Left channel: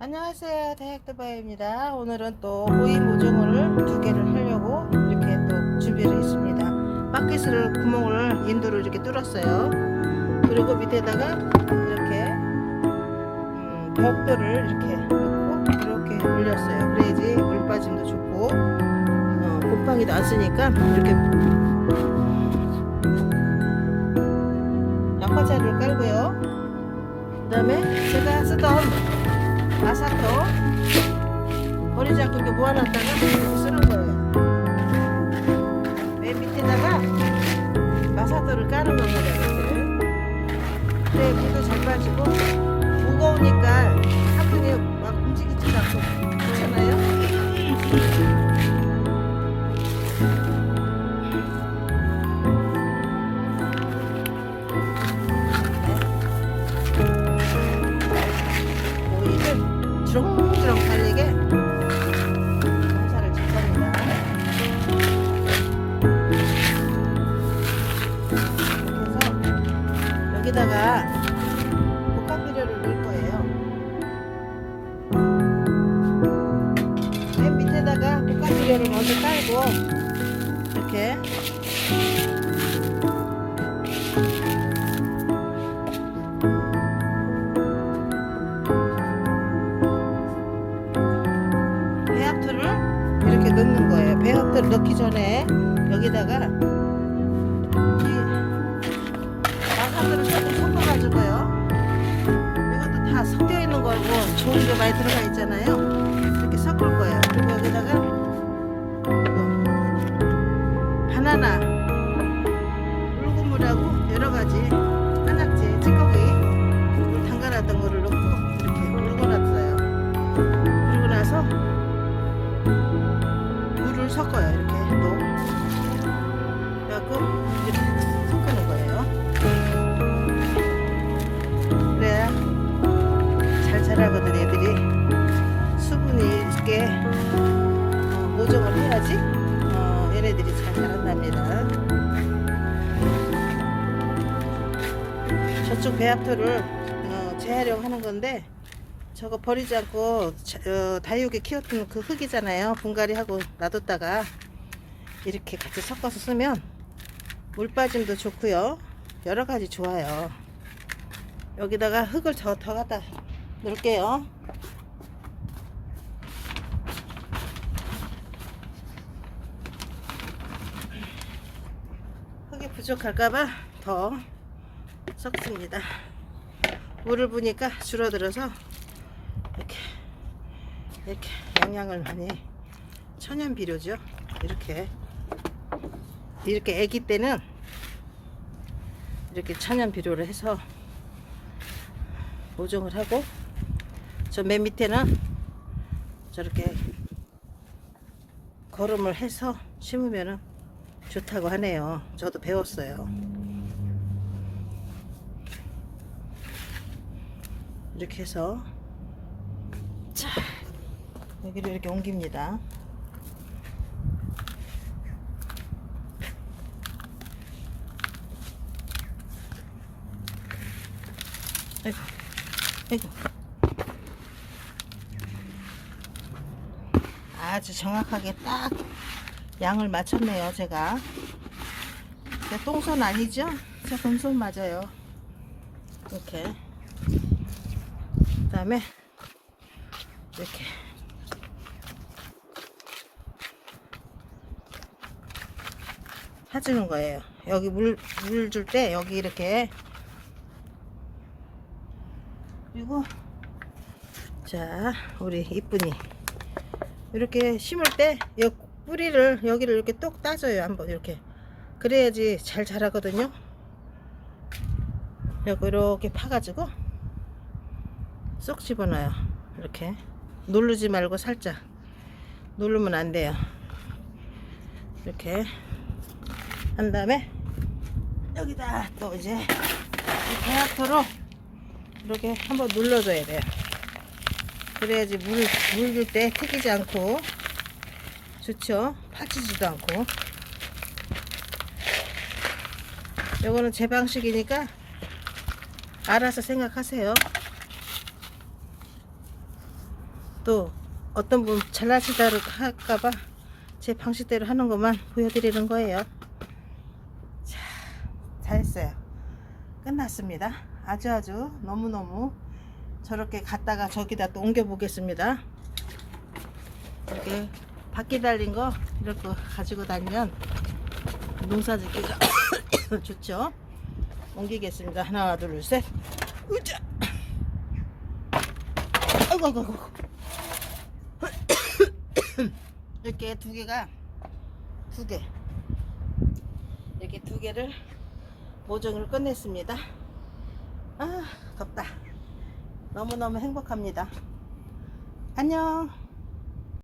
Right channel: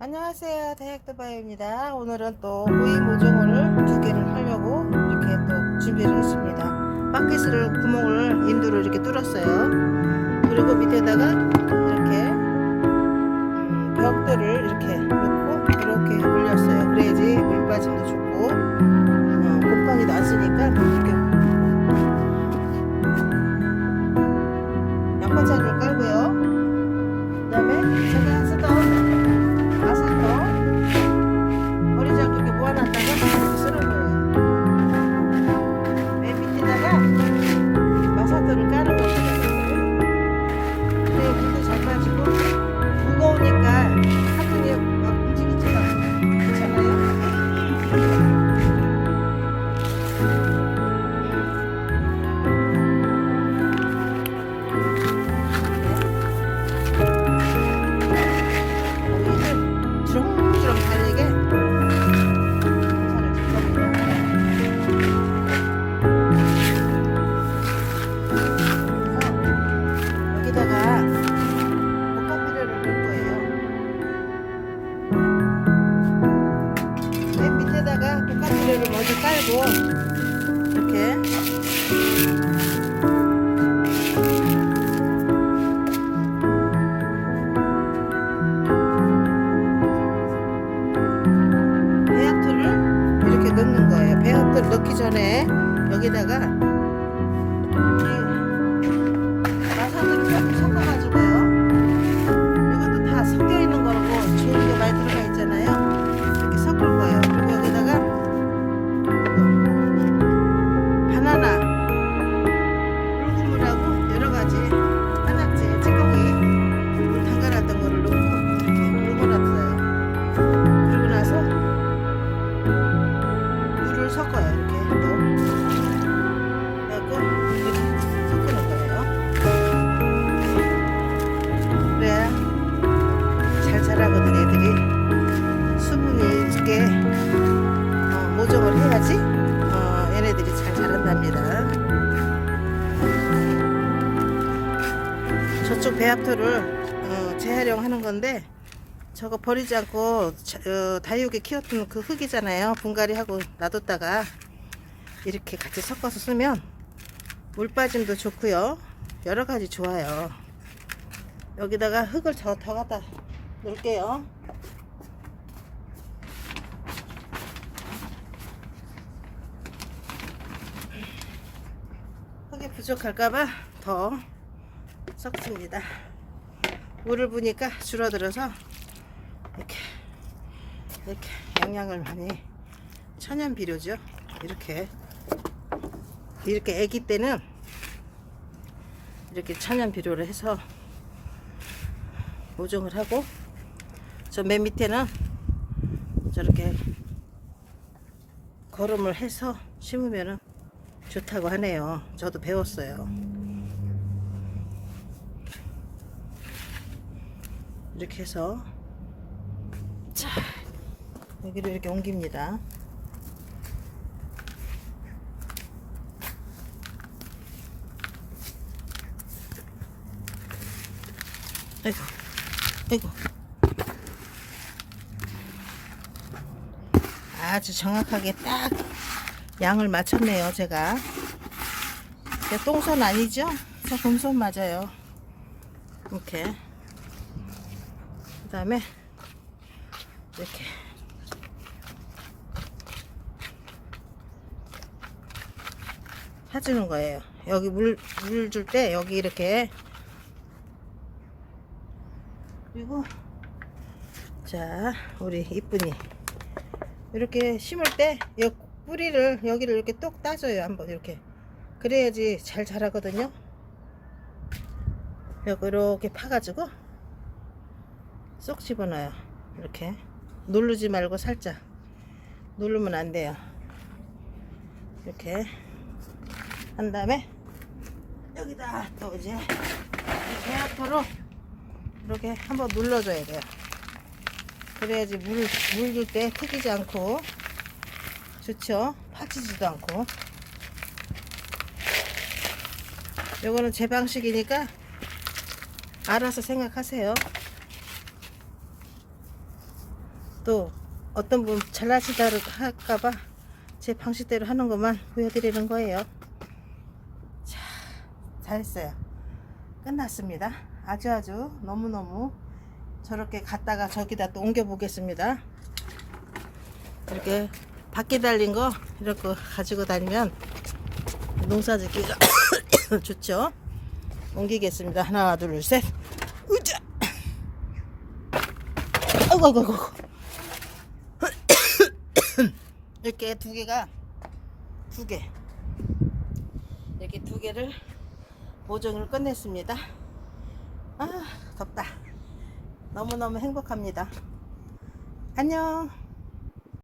안녕하세요. 대학도바입니다. 오늘은 또 오이 모종을 두 개를 하려고 이렇게 또 준비를 했습니다. 바켓을 구멍을 인두로 이렇게 뚫었어요. 그리고 밑에다가 이렇게 음, 벽돌을 이렇게 넣고 이렇게 올렸어요. 그래야지 물 빠짐도 좋고 어, 곰팡이도 안 쓰니까 이렇게. 양파자리를 이렇게 쓰는 거예요. 밑에다가 볶아비료를 먼저 깔고 이렇게 배합토를 이렇게 넣는 거예요. 배합토를 넣기 전에 여기다가 이 마사토를 조금 섞어가지고요. 이것도 다 섞여 있는 거고 좋은 게 많이 들어가 있잖아요. 이렇게 섞을 거예요. 여기다가 이거 바나나, 물고물하고 여러 가지 한약재, 찌꺼기 물 담가놨던 거를 넣고 이렇게 물고놨어요. 그리고 나서 물을 섞어요 이렇게 또. 그래갖고 이렇게 섞는 거예요. 그래야 잘 자라거든 애들이. 수분이 있게 어, 모종을 해야지 어, 얘네들이 잘 자란답니다 저쪽 배합토를 어, 재활용하는 건데 저거 버리지 않고 자- 어, 다육에 키웠던 그 흙이잖아요. 분갈이 하고 놔뒀다가 이렇게 같이 섞어서 쓰면 물 빠짐도 좋고요. 여러 가지 좋아요. 여기다가 흙을 더, 더 갖다 넣을게요. 부족할까봐 더 섞습니다. 물을 부니까 줄어들어서 이렇게 이렇게 영양을 많이 천연 비료죠. 이렇게 이렇게 아기 때는 이렇게 천연 비료를 해서 모종을 하고 저 맨 밑에는 저렇게 거름을 해서 심으면은 좋다고 하네요. 저도 배웠어요. 이렇게 해서 자 여기를 이렇게 옮깁니다. 아이고, 아이고. 아주 정확하게 딱 양을 맞췄네요, 제가. 제 똥손 아니죠? 제 금손 맞아요. 이렇게. 그 다음에 이렇게 사주는 거예요. 여기 물, 물 줄 때 여기 이렇게 그리고 자 우리 이쁜이 이렇게 심을 때 여, 뿌리를 여기를 이렇게 똑 따줘요 한번 이렇게 그래야지 잘 자라거든요 이렇게 파가지고 쏙 집어넣어요. 이렇게 누르지 말고 살짝 누르면 안 돼요. 이렇게 한 다음에 여기다 또 이제 배합토로 이렇게 한번 눌러줘야 돼요. 그래야지 물, 물줄때 튀기지 않고 좋죠. 파지지도 않고 요거는 제 방식이니까 알아서 생각하세요. 또 어떤 분 잘나시다 할까봐 제 방식대로 하는 것만 보여드리는 거예요. 자, 잘했어요. 끝났습니다. 아주 아주 너무너무 저렇게 갔다가 저기다 또 옮겨 보겠습니다. 이렇게 바퀴 달린 거 이렇게 가지고 다니면 농사 짓기가 좋죠. 옮기겠습니다. 하나, 둘, 셋. 으쌰! 아이고, 아이고, 아이고. 이렇게 두 개가 두 개. 이렇게 두 개를 모종을 끝냈습니다. 아, 덥다. 너무너무 행복합니다. 안녕.